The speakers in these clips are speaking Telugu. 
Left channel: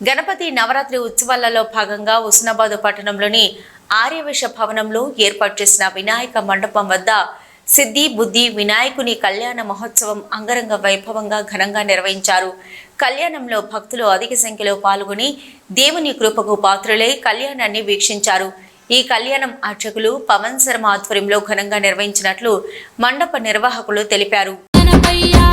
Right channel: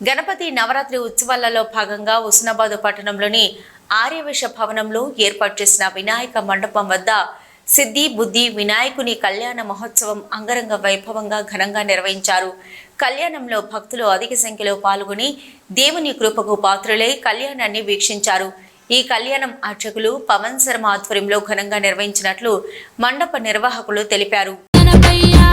గణపతి నవరాత్రి ఉత్సవాలలో భాగంగా హుస్నాబాద్ పట్టణంలోని ఆర్యవేష భవనంలో ఏర్పాటు చేసిన వినాయక మండపం వద్ద సిద్ధి బుద్ధి వినాయకుని కళ్యాణ మహోత్సవం అంగరంగ వైభవంగా ఘనంగా నిర్వహించారు. కళ్యాణంలో భక్తులు అధిక సంఖ్యలో పాల్గొని దేవుని కృపకు పాత్రులై కళ్యాణాన్ని వీక్షించారు. ఈ కళ్యాణం అర్చకులు పవన్ శర్మ ఆధ్వర్యంలో ఘనంగా నిర్వహించినట్లు మండప నిర్వాహకులు తెలిపారు. గణపయ్యా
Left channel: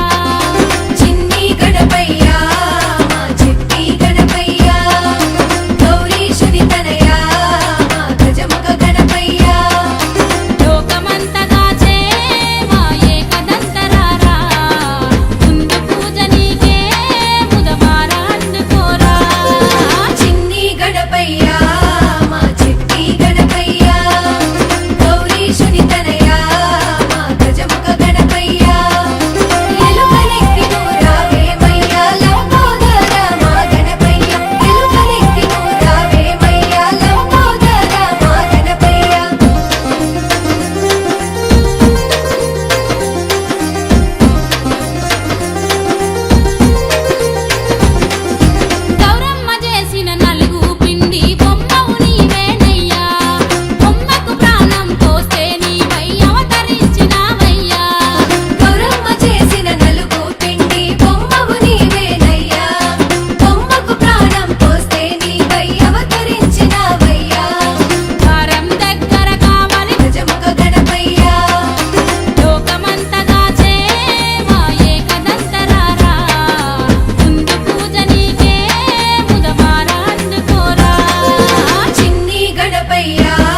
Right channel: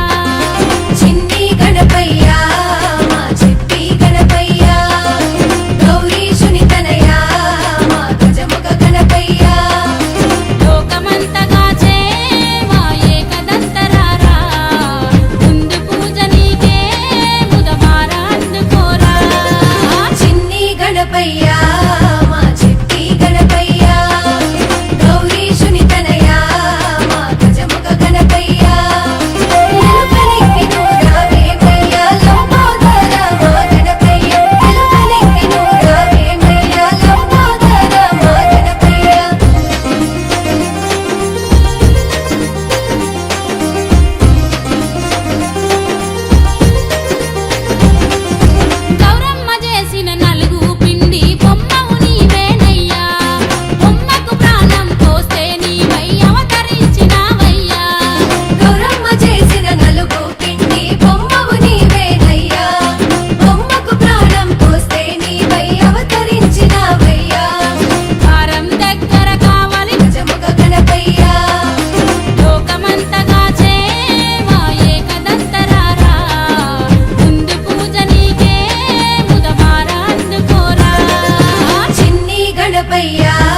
పయ్యా